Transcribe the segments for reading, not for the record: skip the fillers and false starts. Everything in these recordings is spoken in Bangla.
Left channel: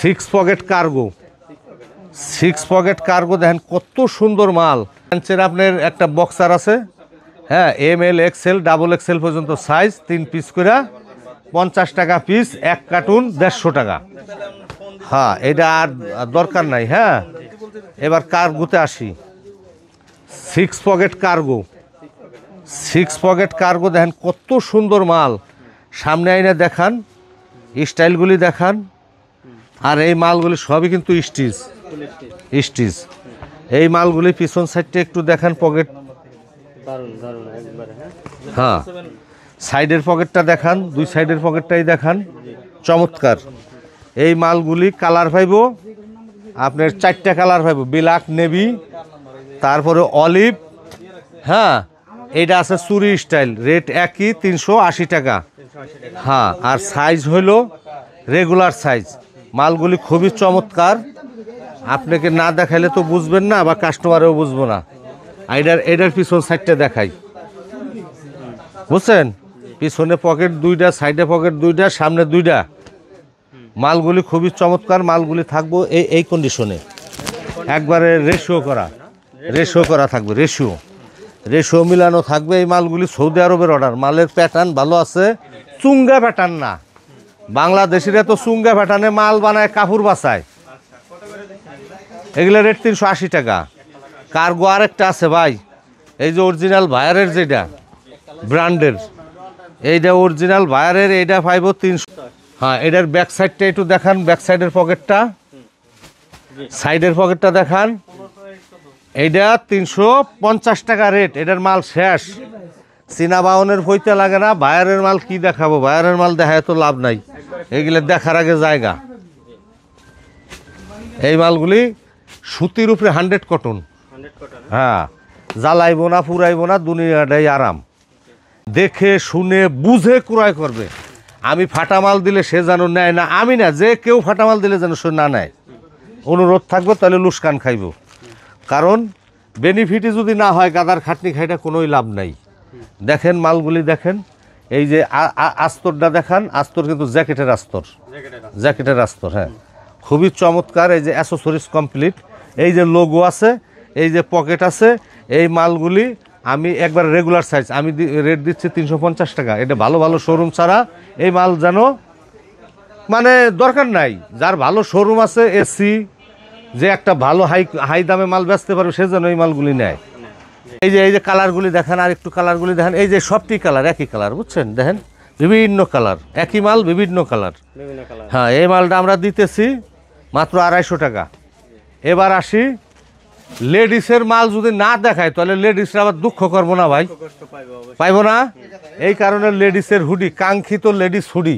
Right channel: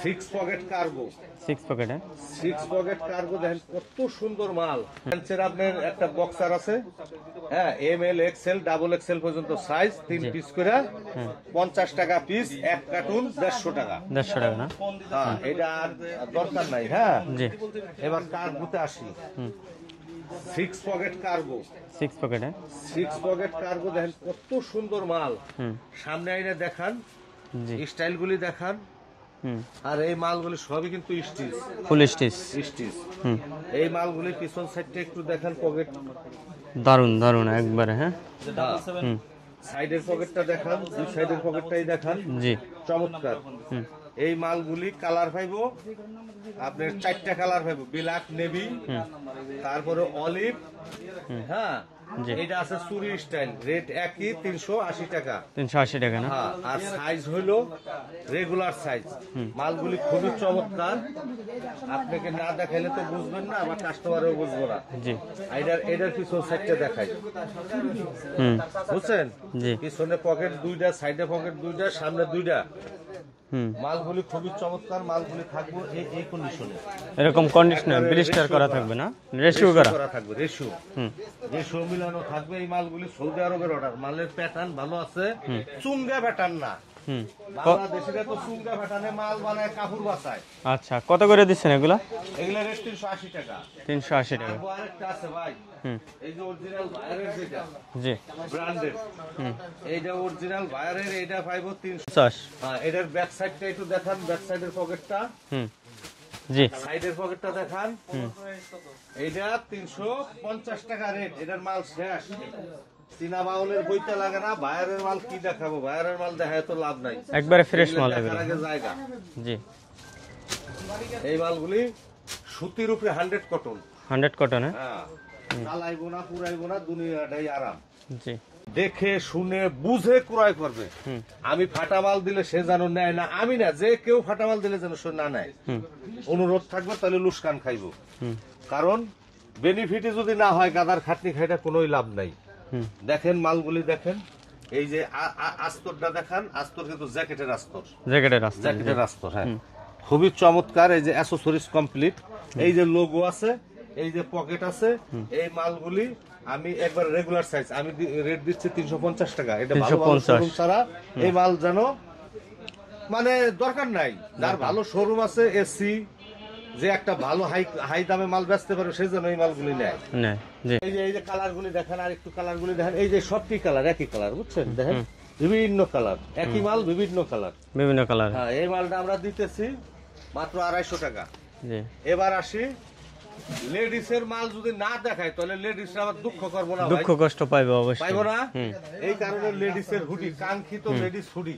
Six pocket cargo, 6 pocket cargo দেখেন কত সুন্দর মাল। আপনার একটা বক্সার আছে, হ্যাঁ, ML XL ডাবল XL পর্যন্ত সাইজ, 3 পিস করে 50 টাকা পিস, 1 কার্টুন 150 টাকা। 150 টাকা না? হ্যাঁ, এটা আর দরকার নাই। হ্যাঁ, এবার কার্গোতে আসি। Six pocket cargo, 6 pocket cargo দেখেন কত সুন্দর মাল। সামনে আইনা দেখান, স্টাইলগুলি দেখান। আর এই মালগুলি সবই কিন্তু স্টিচ, ফুল স্টিচ। এই মালগুলি পিছন সাইডটা একটু দেখান, পকেট দারুন দারুন একবারে। হ্যাঁ হ্যাঁ, সাইডের পকেটটা দেখান, দুই সাইডের পকেটটাই দেখান, জি চমৎকার। এই মালগুলি কালার পাইবো আপনার 4টা কালার পাইবো, ব্ল্যাক, নেভি, তারপরে অলিভ। হ্যাঁ, এটা আছে চুরি স্টাইল, রেট একই 380 টাকা। 380 টাকা। হ্যাঁ, আর সাইজ হইলো রেগুলার সাইজ। মালগুলি খুবই চমৎকার, আপনাকে না দেখাইলে তো বুঝবেন না, বা কাস্টমারেও বুঝবো না। এটার পিছন সাইডটা দেখাই, বুঝছেন? পিছনে পকেট 2টা, সাইডে পকেট 2টা, সামনে 2টা। মালগুলি খুবই চমৎকার। মালগুলি থাকবো এই কন্ডিশনে, এরকম একবারে রেশিও করা থাকবে, রেশিও মিলানো থাকবে। এই মালগুলি সৌদি আরবের অর্ডার। মালের প্যাটার্ন ভালো আছে, চুঙ্গা প্যাটার্ন না। বাংলাদেশিরা তো চুঙ্গা প্যাটার্নে মাল বানায়, কাপড় বাছায়। আচ্ছা, কত করে দিচ্ছেন এগুলা? এগুলা রেট 380 টাকা। 380। কার্গো আরেকটা আছে ভাই, এই যে অরিজিনাল ভায়ারের, যেটা ব্র্যান্ডের, এইটা অরিজিনাল ভায়ারের, এইটা পাইবো 350। হ্যাঁ, এটার ব্যাক সাইডটা একটু দেখান, ব্যাক সাইডের পকেটটা, সাইডের পকেটটা দেখান। এইটা 350 টাকা রেট। এটার মাল শেষ, চীনা বাউনের পইতে লাগে না। ভায়ারের মাল কি দেখাবো, ভায়ারের মাল দেখায় তো লাভ নাই, এগুলো দেখার আগে জায়গা। এই মালগুলি সুতির উপরে 100 কটন। হ্যাঁ, জ্বালাইবো না, পুরাইবো না, দুনিয়াটাই আরাম। দেখে শুনে বুঝে ক্রয় করবে। আমি ফাটা মাল দিলে সে যেন নেয় না, আমি না, যে কেউ ফাটা মাল দিলে যেন সে না নেয়। অনুরোধ থাকবে, তাহলে লুসকান খাইব। কারণ বেনিফিটই যদি না হয়, গাদার খাটনি খাইটা কোনোই লাভ নাই। দেখেন মালগুলি দেখেন, এই যে আস্তরটা দেখান, আস্তর কিন্তু জ্যাকেটের আস্তর। হ্যাঁ, খুবই চমৎকার। এই যে অ্যাসেসরিজ কমপ্লিট, এই যে লোগো আছে, এই যে পকেট আছে। এই মালগুলি আমি একবার রেগুলার সাইজ, আমি রেট দিচ্ছি 350 টাকা। এটা ভালো ভালো শোরুম ছাড়া এই মাল যেন মানে দরকার নাই। যার ভালো শোরুম আছে, এসি, যে একটা ভালো হাই দামে মাল বেচতে পারবে, সে যেন এই মালগুলি নেয়। এই যে কালারগুলি দেখেন, আর একটু কালারগুলি দেখেন। এই যে সবটি কালার একই কালার, বুঝছেন? দেখেন বিভিন্ন কালার, একই মাল বিভিন্ন কালার। হ্যাঁ, এই মালটা আমরা দিতেছি মাত্র 250 টাকা। এবার আসি, লেডিসের মাল যদি না দেখায়, তাহলে লেডিসরা আবার দুঃখ করবো না ভাই, কষ্ট পাইবো না। এই কারণে লেডিসের হুডি, কাঙ্ক্ষিত লেডিস হুডি,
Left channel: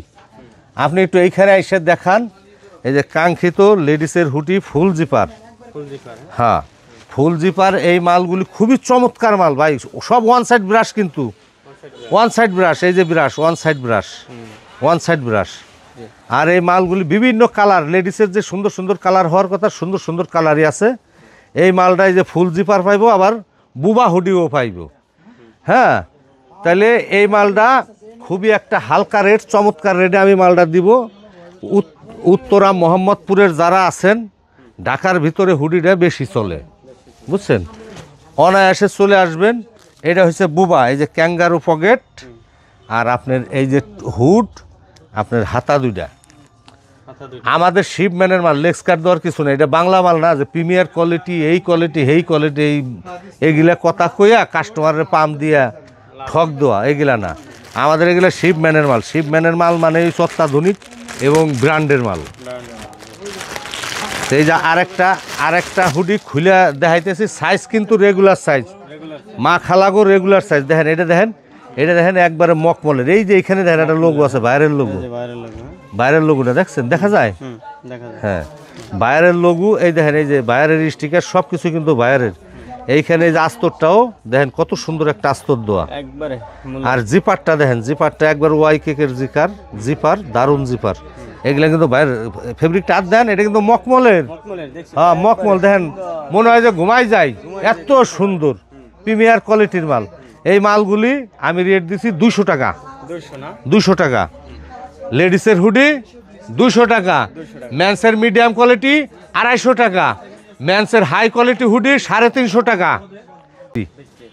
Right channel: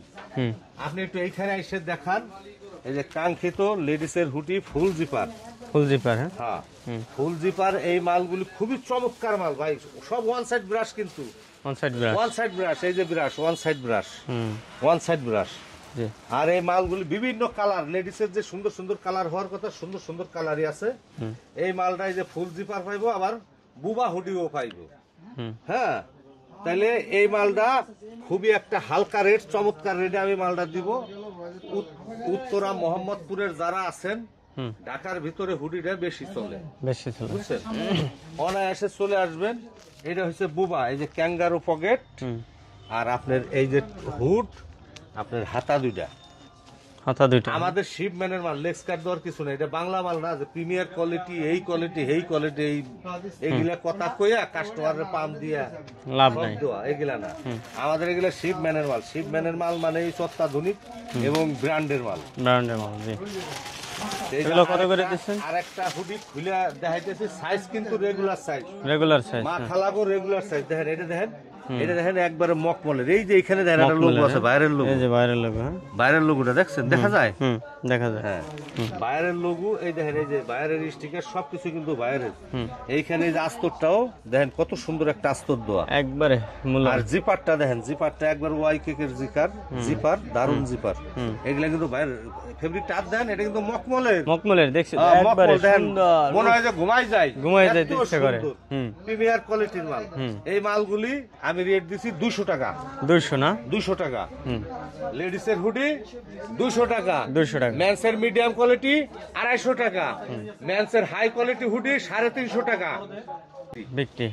আপনি একটু এইখানে এসে দেখান। এই যে কাঙ্ক্ষিত লেডিসের হুডি, ফুল জিপার। হ্যাঁ, ফুল জিপার। এই মালগুলি খুবই চমৎকার মাল ভাই, সব ওয়ান সাইড ব্রাশ, কিন্তু ওয়ান সাইড ব্রাশ। এই যে ব্রাশ, ওয়ান সাইড ব্রাশ। আর এই মালগুলি বিভিন্ন কালার, লেডিসের যে সুন্দর সুন্দর কালার হওয়ার কথা, সুন্দর সুন্দর কালারই আছে। এই মালটাই যে ফুল জিপার পাইবো, আবার বুবা হুডিও পাইবো। হ্যাঁ, তাহলে এই মালটা খুবই একটা হালকা রেট, চমৎকার রেটে আমি মালটা দিব। উত্তরা মোহাম্মদপুরের যারা আছেন, ঢাকার ভিতরে হুডিটা বেশি চলে, বুঝছেন? অনায়াসে চলে আসবেন। এটা হচ্ছে বুবা, এই যে ক্যাঙ্গারু পকেট, আর আপনার এই যে হুড, আপনার হাতা 2টা। আমাদের শিপম্যানের মাল, লেক্স কাট দেওয়ার কিছু নেই। এটা বাংলা মাল না যে প্রিমিয়ার কোয়ালিটি, এই কোয়ালিটি, এই কোয়ালিটি, এইগুলা কথা কইয়া কাস্টমারের পাম দিয়া ঠক দেওয়া, এগুলা না। আমাদের এগুলা শিপম্যানের মাল। শিপম্যানের মাল মানে অত্যাধুনিক এবং ব্র্যান্ডের মাল। এই যে আরেকটা হুডি খুলে দেখাইতেছি, সাইজ কিন্তু রেগুলার সাইজ, মা খালাগো রেগুলার সাইজ। দেখেন এটা, দেখেন একবারে মকমলের। এই যে এখানে দেখেন একটা লোগো আছে, বাইরের লোগো, বাইরের লোগোটা দেখছেন, দেখা যায়? হ্যাঁ, বাইরের লোগো। এই দেখেন, এই যে বাইরের স্টিকার, সবকিছু কিন্তু বাইরের। এইখানে যে আস্তরটাও দেখেন, কত সুন্দর একটা আস্তর দেওয়া একবারে। আর জিপারটা দেখেন, জিপারটা একবার ওয়াই কেকের জিপার, দারুণ জিপার। এগুলা কিন্তু বাইরের ফেব্রিকটা আর দেন, এটা কিন্তু মকমলের। হ্যাঁ, মকমল দেখেন, মনে হয় যে ঘুমাই যায়, এত সুন্দর প্রিমিয়ার কোয়ালিটির মাল। এই মালগুলি আমি রেট দিছি 200 টাকা। 200 টাকা। লেডিসের হুডি 200 টাকা 200 টাকা। মেন্সের মিডিয়াম কোয়ালিটি 250 টাকা মেন্সের হাই কোয়ালিটি হুডি 350 টাকা বিক্রি।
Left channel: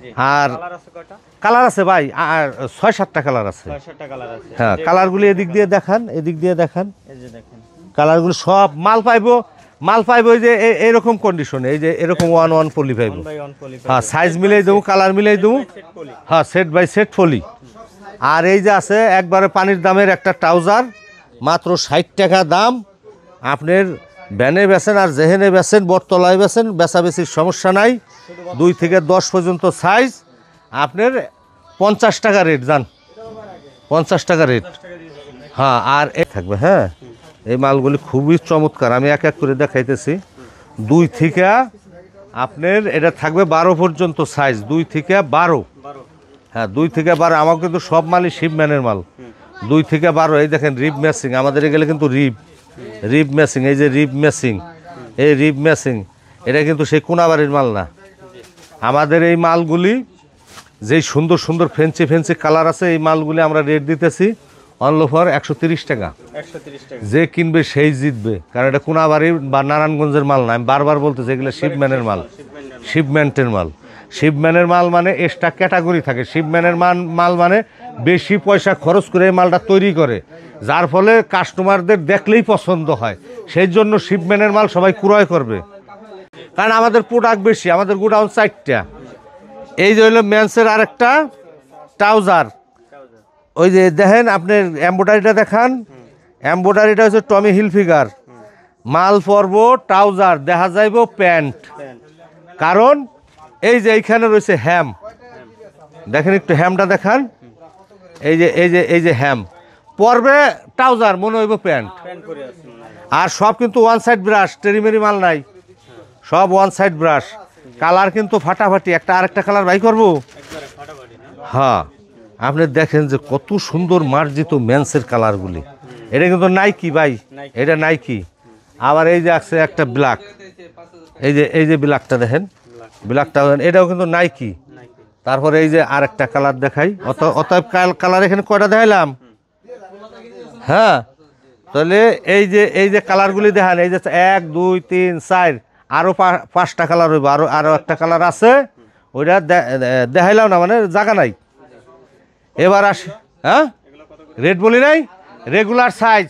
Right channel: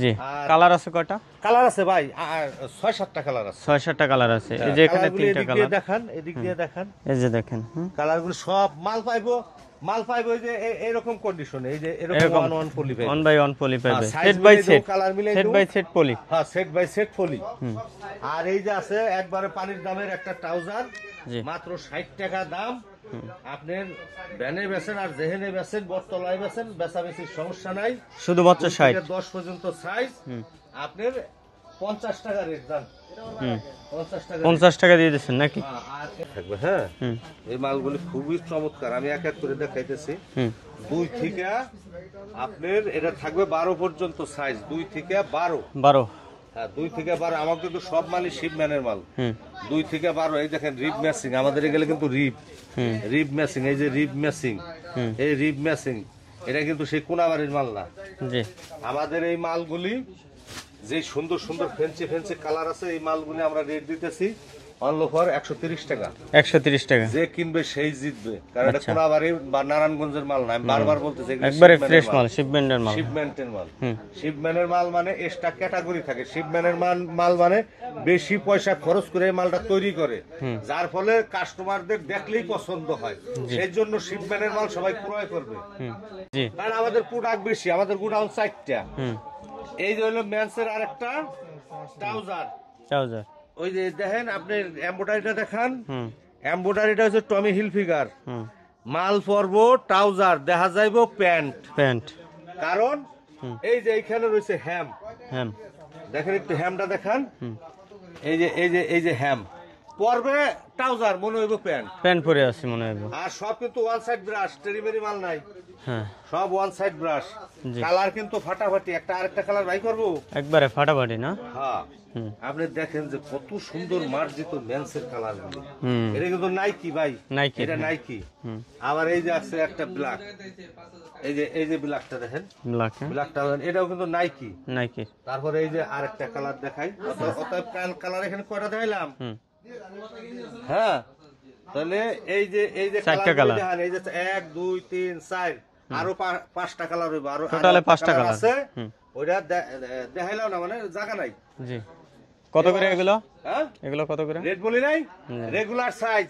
জি আর কালার আছে কয়টা? কালার আছে ভাই আর 6-7টা কালার আছে 6-7টা কালার আছে। হ্যাঁ এই যে এখানে কালারগুলো 3টা এদিক দিয়ে কালার। দেখান এদিক দিয়ে দেখান এই যে দেখেন কালারগুলো সব মাল পাইবো এই যে এরকম কন্ডিশনে এই যে এরকম 1 পলি পাইবো 1 বাই 1 পলি হ্যাঁ সাইজ মিলাই দেবো কালার মিলাই দেবো সেট পলি। হ্যাঁ সেট বাই সেট ফলি আর এই যে আছে একবারে পানির দামের একটা ট্রাউজার মাত্র 60 টাকা দাম আপনার ব্যানে বেচেন আর যেহেনে বেচেন বটতলায় বেচেন বেচাবেচির সমস্যা নাই শুধুমাত্র 2 থেকে 10 পর্যন্ত সাইজ আপনার 50 টাকা রেট জান 50 টাকা রেট 50 টাকা দিয়ে দিচ্ছেন নাকি? হ্যাঁ আর এই থাকবে হ্যাঁ এই মালগুলি খুবই চমৎকার আমি এক এক করে দেখাইতেছি 2 থেকে আপনার এটা থাকবে 12 পর্যন্ত সাইজ 2 থেকে 12 হ্যাঁ 2 থেকে 12 আমার কিন্তু সব মালই শিপম্যানের মাল 2 থেকে 12 এই দেখেন রিব ম্যাচিং আমাদের এগুলো কিন্তু রিব ম্যাচিং এই যে রিব ম্যাচিং এই রিব ম্যাচিং এটা কিন্তু সেই কোনাবাড়ির মাল না জি আমাদের এই মালগুলি যেই সুন্দর সুন্দর ফেন্সি কালার আছে এই মালগুলি আমরা রেট দিতেছি অনলি ফর 130 টাকা 130 টাকা। যে কিনবে সেই জিতবে কারণ এটা কোনাবাড়ির বা নারায়ণগঞ্জের মাল না আমি বারবার বলতেছি এগুলো একবারে শিপম্যানের fresh মাল মাল, shipment-এর মাল। শিপমেন্টের মাল শিপম্যানের মাল মানে এক্সট্রা ক্যাটাগরি থাকে শিপম্যানের মাল মানে বেশি পয়সা খরচ করে এই মালটা তৈরি করে যার ফলে কাস্টমারদের দেখলেই পছন্দ হয় সেই জন্য শিপম্যানের মাল সবাই ক্রয় করবে জি কারণ আমাদের প্রোডাক্ট বেশি আমাদের গোডাউন 4টা এই যে হলো মেন্সের আরেকটা ট্রাউজার ট্রাউজার ওই যে দেখেন আপনি এমব্রয়ডারিটা দেখান এমব্রয়ডারিটা হচ্ছে টমি হিলফিগার মাল পরব ট্রাউজার দেখা যাইব প্যান্ট কারণ এই যে এইখানে রয়েছে হ্যাম দেখেন একটু হ্যামটা দেখান এই যে হ্যাম পরবে ট্রাউজার মনে হইব প্যান্ট পরে আছে মনে হয়। আর সব কিন্তু ওয়ান সাইড ব্রাশ টেরিমেরি মাল নাই হ্যাঁ সব ওয়ান সাইড ব্রাশ কালার কিন্তু ফাটাফাটি একটা আরেকটা কালার বাই করবো একবারে ফাটাফাটি না? হ্যাঁ আপনি দেখেন যে কত সুন্দর মার্জিত মেন্সের কালারগুলি এটা কিন্তু নাইকি ভাই Nike। এটা নাইকি আবার এই যে আছে একটা ব্ল্যাক এই যে ব্ল্যাকটা দেখেন ব্ল্যাক ব্ল্যাকটা এটাও কিন্তু নাইকি নাইকি। তারপরে এই যে আরেকটা কালার দেখাই অতএব কালার এখানে কয়টা দেখাইলাম হ্যাঁ তাহলে এই যে কালারগুলি দেখান এই যে 1 2 3 4 আরো 5টা কালার হইব আরো একটা কালার আছে ওইটা দেখাইলাম না মানে জায়গা নাই জি এবার হ্যাঁ এগুলো কত করে? রেট বলি নাই রেগুলার সাইজ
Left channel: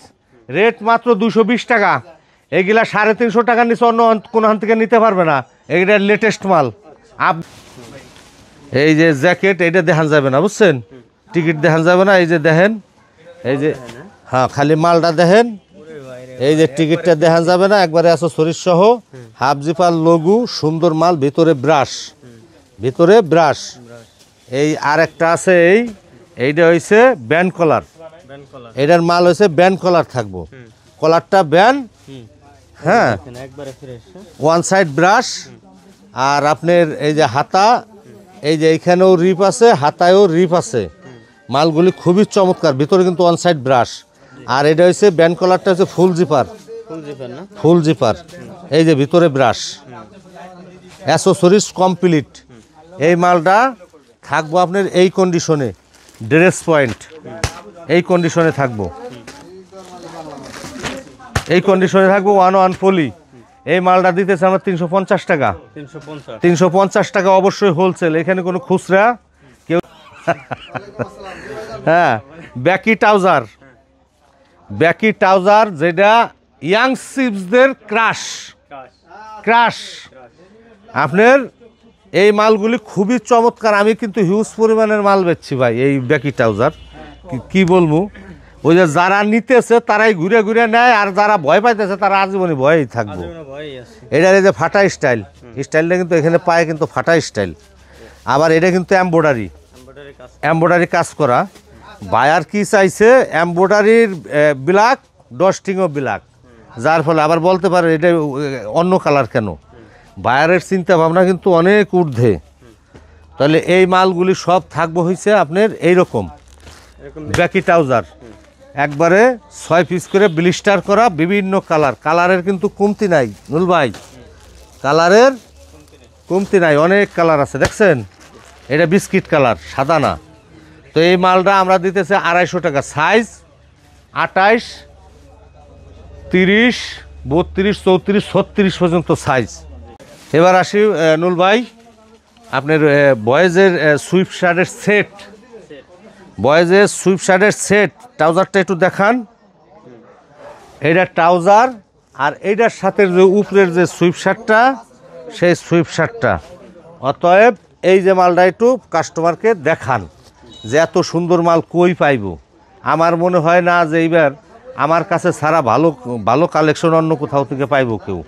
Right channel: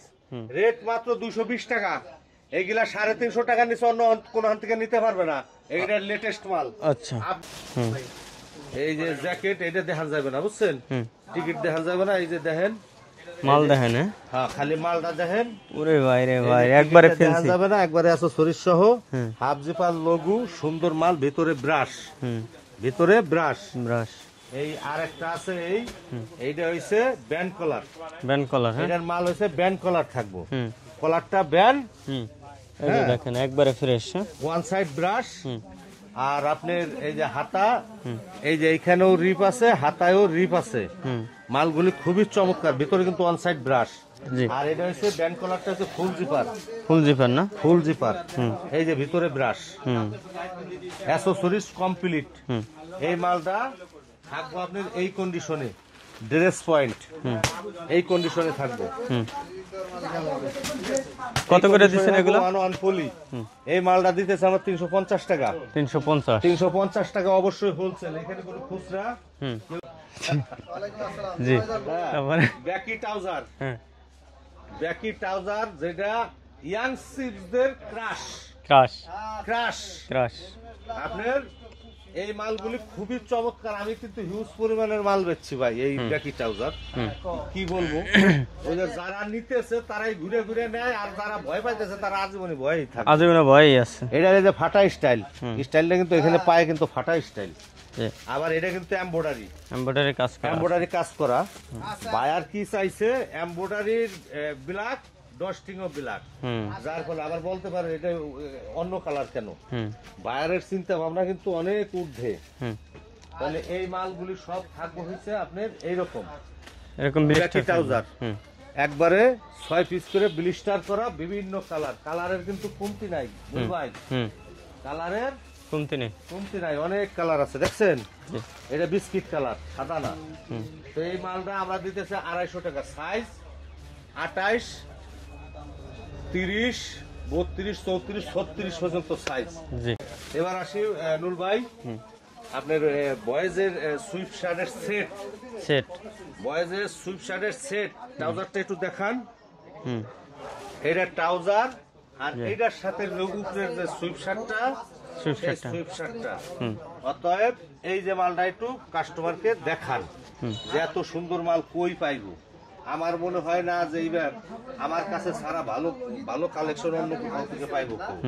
রেট মাত্র 220 টাকা এগুলা 350 টাকার নিচে অন্য কোন হান থেকে নিতে পারবে না এটা লেটেস্ট মাল আচ্ছা এই যে জ্যাকেট এটা দেখান যাবে না বুঝছেন টিকিট দেখান যাবে না এই যে দেখেন এই যে দেখেন হ্যাঁ খালি মালটা দেখেন ওরে ভাই রে এই যে টিকিটটা দেখান যাবে না একবারে আছে শরীর সহ হাফ জিপার লোগো সুন্দর মাল ভিতরে ব্রাশ ব্রাশ এই আরেকটা আছে এইটা হইছে ব্যান্ড কলার ব্যান্ড কলার এটার মাল হইছে ব্যান্ড কলার থাকবো কলারটা ব্যান্ড হ্যাঁ দেখেন একবারে ফ্রেশ ওয়ান সাইড ব্রাশ আর আপনার এই যে হাতা এই যে এইখানেও রিপ আছে হাতায়ও রিপ আছে মালগুলি খুবই চমৎকার ভিতরে কিন্তু ওয়ান সাইড ব্রাশ আর এটা হচ্ছে ব্যান্ড কলারটা হচ্ছে ফুল জিপার না ফুল জিপার এই যে ভিতরে ব্রাশ অ্যাসেসরিজ কমপ্লিট এই মালটা থাকবো আপনার এই কন্ডিশনে ড্রেস পয়েন্ট এই কন্ডিশনে থাকবো এই কন্ডিশনে থাকবো 1 পলি এই মালটা দিতেছে আমার 350 টাকা 350 টাকা অবশ্যই হোলসেল এখানে কোনো খুচরা কেউ জি হ্যাঁ ব্যাকি ট্রাউজার যেটা ইয়াং সিপসদের ক্রাশ আপনার এই মালগুলি খুবই চমৎকার আমি কিন্তু হিউজ পরিমাণের মাল বেচছি ভাই এই ব্যাকি ট্রাউজার কি বলবো ওই যে যারা নিতেছে তারাই ঘুরে ঘুরে নেয় আর যারা ভয় পাইতেছে তারা আজীবনী ভয়ই থাকে এটার এই যে ফাটা স্টাইলটা কিন্তু এখানে পায়ে কিন্তু ফাটা স্টাইল আবার এটা কিন্তু এমব্রয়ডারি কাজ করা বায়ার কি চাইছে এমব্রয়ডারির ব্ল্যাক ডস্টিংও ব্ল্যাক যার ফলে আবার বলতে পারে এটা অন্য কালার কেন বায়ারের চিন্তা ভাবনা কিন্তু অনেক ঊর্ধ্বে তাহলে এই মালগুলি সব থাকবো হইছে আপনার এইরকম ব্যাকি ট্রাউজার একবারে 6 পিস করে ব্লিস্টার করা বিভিন্ন কালারের কিন্তু কমতি নাই নুল ভাই কালারের কমতি নাই অনেক কালার আছে দেখছেন এটা বিস্কিট কালার সাদা না তো এই মালটা আমরা দিতেছে 250 টাকা সাইজ 28 30, 32, 34, 36 পর্যন্ত সাইজ। জি এবার আসি নুল ভাই, আপনার বয়েজের সুইফট শার্টের সেট, সেট। বয়েজের সুইফট শার্টের সেট, ট্রাউজারটা একটু দেখান। হুম এইটা ট্রাউজার, আর এইটার সাথে যে উপরের যে সুইফট শার্টটা, সেই সুইফট শার্টটা। অতএব এই যে মালটা একটু কাস্টমারকে দেখান যে এত সুন্দর মাল কই পাইব। আমার মনে হয় না যে এইবার আমার কাছে ছাড়া ভালো ভালো কালেকশন অন্য কোথাও থেকে পাইবো কেউ।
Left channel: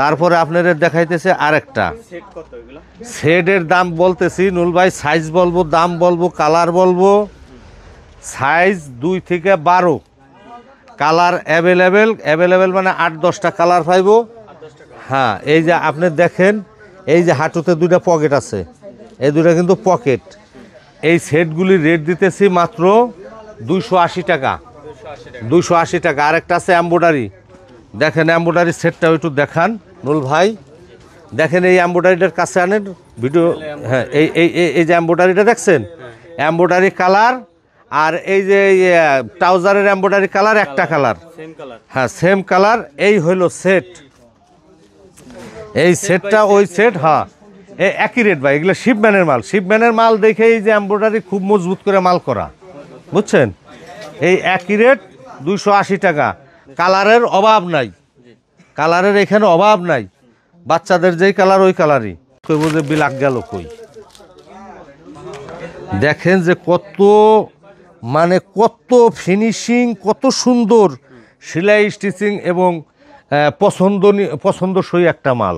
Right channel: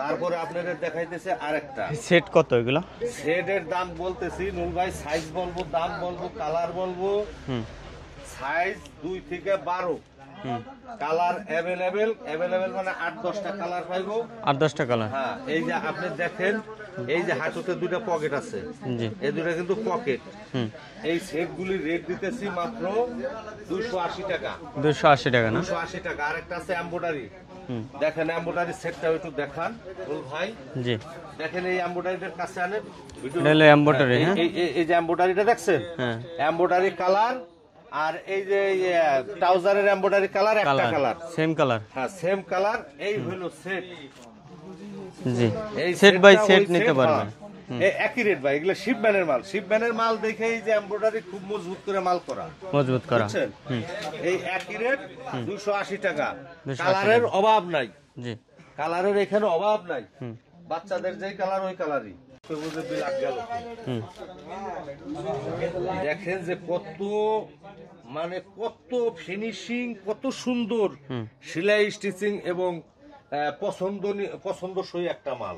তারপরে আপনাদের দেখাইতেছে আরেকটা সেট। কত এগুলো? সেটের দাম বলতেছি নুল ভাই, সাইজ বলবো, দাম বলবো, কালার বলবো। সাইজ 2 থেকে 12, কালার অ্যাভেলেবেল মানে 8-10টা কালার পাইবো। 8-10টা কালার। হ্যাঁ, এই যে আপনি দেখেন, এই যে হাঁটুতে 2টা পকেট আছে, জি এই 2টা কিন্তু পকেট। এই সেটগুলি রেট দিতেছি মাত্র 280 টাকা। 280 টাকা। 280 টাকা। আরেকটা আছে এমব্রয়ডারি, দেখেন এমব্রয়ডারি সেটটাও একটু দেখান নুল ভাই। জি দেখেন এই এমব্রয়ডারিটার কাছে আনেন ভিডিও। তাহলে embroidery, এই যে এমব্রয়ডারিটা দেখছেন, হ্যাঁ। এমব্রয়ডারি কালার, আর এই যে ট্রাউজারের এমব্রয়ডারি কালার একটা কালার। Same colour. হ্যাঁ, সেম কালার। এই হইলো সেট। জি এই Set by সেটটা set ওই নিতে সেট। পারবেন। হ্যাঁ, এই একই রেট ভাই। এগুলো শিপম্যানের মাল। শিপম্যানের মাল দেখে এই যে এমব্রয়ডারি খুব মজবুত করে মাল করা, মজবুত করা। বুঝছেন? এই একই রেট 280 টাকা। কালারের অভাব নাই, জি কালারের এখানে অভাব নাই। বাচ্চাদের যেই কালার ওই কালারই। কই বুঝে বিলাক গেল কই। দেখেন যে কত, মানে কত ফিনিশিং, কত সুন্দর সেলাই স্টিচিং এবং পছন্দসই একটা মাল।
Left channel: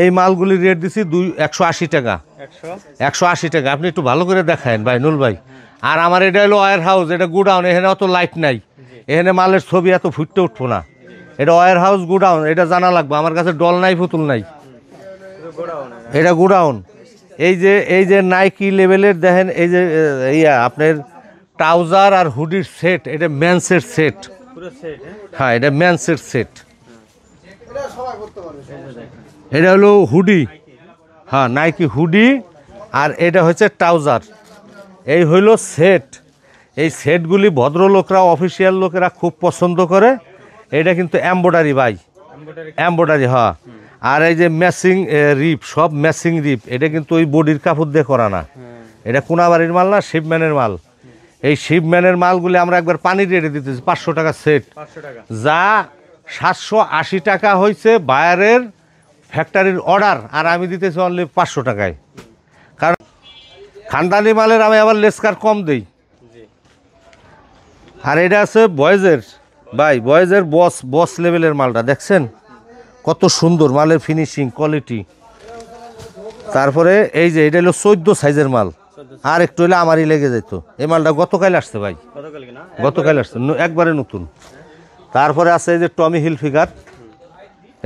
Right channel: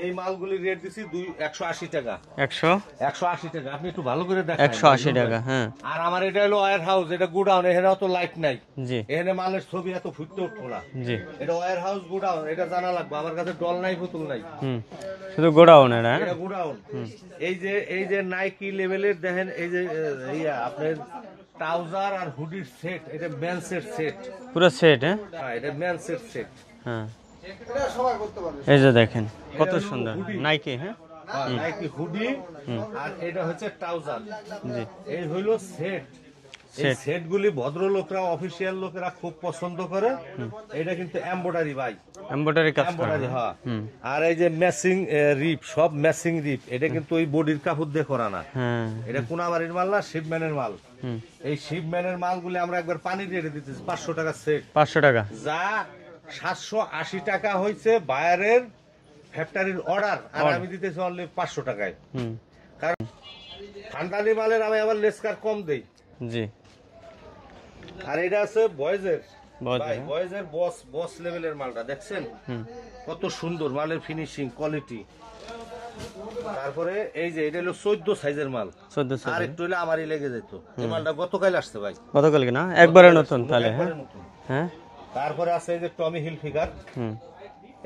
এই মালগুলির রেট দিছি 180 টাকা। 180 টাকা। আপনি একটু ভালো করে দেখায় ভাই 180 নুল ভাই। টাকা, হ্যাঁ। আর আমার এটা হলো ওয়্যার হাউস, এটা গুডাউন। এখানে অত লাইট নাই, জি এখানে মালের ছবি এত ফুটতে উঠবো না। জি এটা ওয়্যার হাউস, গুডাউন, এটা জানা লাগবে। আমার কাছে ডল নাই, পুতুল নাই, শুধু গোডাউন এটা গুডাউন। এই যে নাইকি লেভেলের দেখেন, এই যে আপনার ট্রাউজার আর হুডির সেট, এটা ম্যানসের সেট। পুরো সেট। হ্যাঁ, এটা ম্যানসের সেট। হ্যাঁ এই যে দেখেন, এটা হলো হুডি। নাইকি। হ্যাঁ হ্যাঁ, নাইকি হুডি, আর এটা হচ্ছে ট্রাউজার। জি এই হইলো সেট। এই সেটগুলি ভদ্রলোকরা, অফিসিয়াল লোকেরা খুব পছন্দ করে। এটা কিন্তু এমব্রয়ডারি ভাই, এমব্রয়ডারি। এমব্রয়ডারি। হ্যাঁ, আর এই যে ম্যাচিং রিপ, সব ম্যাচিং রিপ। এটা কিন্তু ওই বডির কাপড় দিয়ে করা না, হ্যাঁ এটা কোনাবাড়ির মাল না, শিপম্যানের মাল। এই শিপম্যানের মালগুলি আমরা একবার পানি রেটে দিতেছি 500 টাকা সেট। 500 টাকা। যা 780 টাকা হয়েছে বায়ারের ফ্যাক্টরির অর্ডার, আর আমি দিতেছি অনলি 500 টাকায়। কারণ খানদানি মালের আমি আবার লেসকার কম দিই। জি আর এটা আছে বয়েজের ভাই, বয়েজের বস লেভেলের মালটা দেখছেন কত সুন্দর মালের ফিনিশিং, কোয়ালিটি। তারপরে এই যে এটা হলো 14 সাইজের মাল, 14 আর একটু হলে আমারই লেগে যেত। এই মালটা গতকাল আসছে ভাই, গতকাল কি না? গতকাল আসছে, একবারে নতুন। হ্যাঁ তারপরে আছে এই যে টমি হিল ফিগার।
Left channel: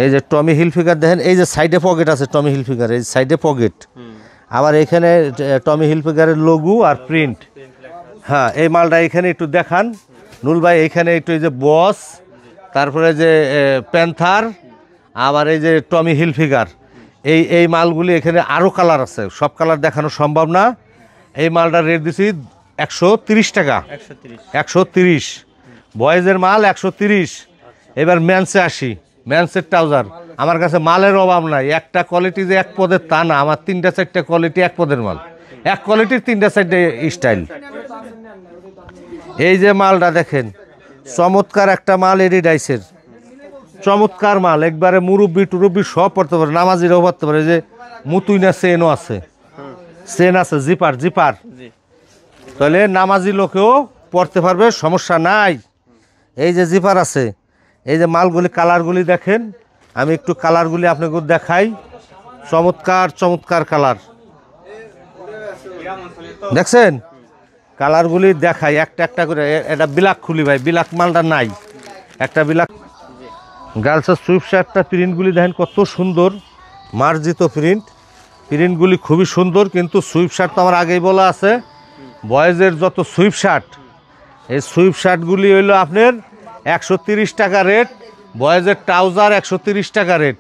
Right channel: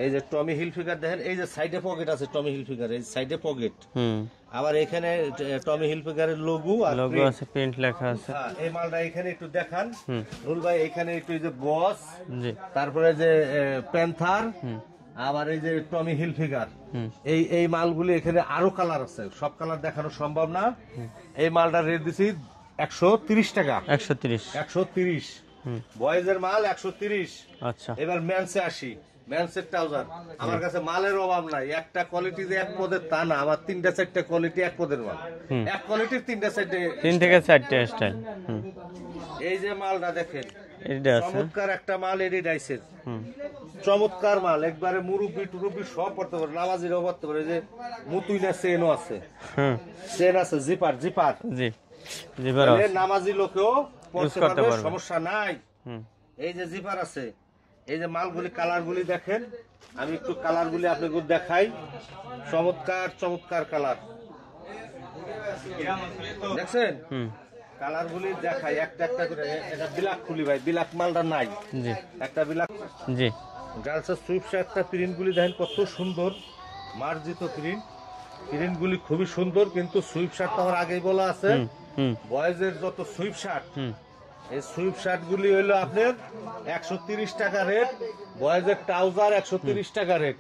এই যে টমি হিল ফিগার দেখেন, এই যে সাইডে পকেট আছে টমি হিল ফিগার, এই সাইডে পকেট। আবার এখানে টমি হিল ফিগারের লোগো আর প্রিন্ট লেখা আছে। হ্যাঁ, এই মালটা এখানে একটু দেখান নুল ভাই। এখানে একটু এই যে বস, তারপরে যে প্যান্থার, আবার এই যে টমি হিল ফিগার। এই মালগুলি এখানে আরো কালার আছে, সব কালার দেখানো সম্ভব না। এই মালটার রেট দিছি 130 টাকা। 130 বয়েজের মাল 130। আচ্ছা এবার ম্যানসে আসি। ম্যানসের ট্রাউজার আমার কাছে মালের অভাব নাই। একটা কোয়ালিটি যে এক পদের তা না, আমার 3-4টা কোয়ালিটি এক পদের মাল। এক কোয়ালিটির 3-4টে স্টাইল। এই যে মালটা দেখেন, চমৎকার একটা মাল, এডিডাইসের চমৎকার মাল। একবারে মুরব্বি টুরব্বি সব পড়তে পারে, নামাজিরাও পড়তে পারে। যে মুতুইনা চেনও আছে, চেন আছে, জিপার জিপার। তাহলে নামাজি লোকেও পড়তে পারবে, সমস্যা নাই। এই যে জিপার আছে। এই যে মালগুলি, কালারগুলি দেখেন, আমি একটু কালারগুলি আপনাকে দেখাই। চমৎকার চমৎকার কালার দেখছেন, কালারগুলি দেখাই একটা একটা করে। এটা বিলাক খুলি ভাই, বিলাক মালটা নাই, একটা বিলাক। জি গার্লসের সুইফট শার্টটা প্রিন্টগুলি দেখেন কত সুন্দর, মার্জিত প্রিন্ট। প্রিন্টগুলি খুবই সুন্দর। কিন্তু সুইফট শার্ট তো আমার আগেই বলা আছে, বয়েজের যত সুইফট শার্ট, এই সুইফট শার্টগুলি হইলো আপনার 130 টাকা রেট। বয়েজের ট্রাউজার 130 টাকা রেট।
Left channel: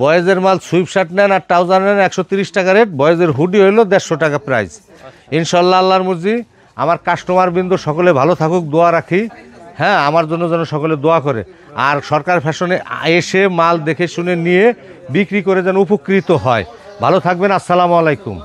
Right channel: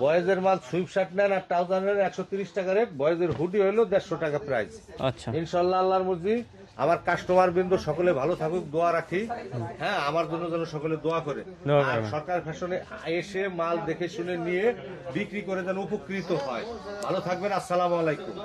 বয়েজের মাল সুইফট শার্ট নেন আর ট্রাউজার নেন 130 টাকা রেট। বয়েজের হুডি হইলো 150 টাকা প্রাইস। ইনশাল্লাহ আল্লাহর মর্জি আমার কাস্টমার বিন্দু সকলে ভালো থাকুক, দোয়া রাখি। হ্যাঁ, আমার জন্য যেন সকলে দোয়া করে, আর সরকার ফ্যাশনে এসে মাল দেখে শুনে নিয়ে বিক্রি করে যেন উপকৃত হয়। ভালো থাকবেন, আসসালামু আলাইকুম।